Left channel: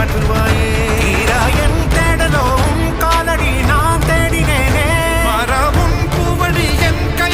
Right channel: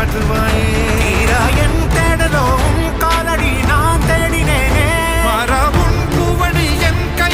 காட்டுவாயே. என் தேடலோ உன் காலடி நான் தேடினேனே. மரபுன் பூவடி என் கை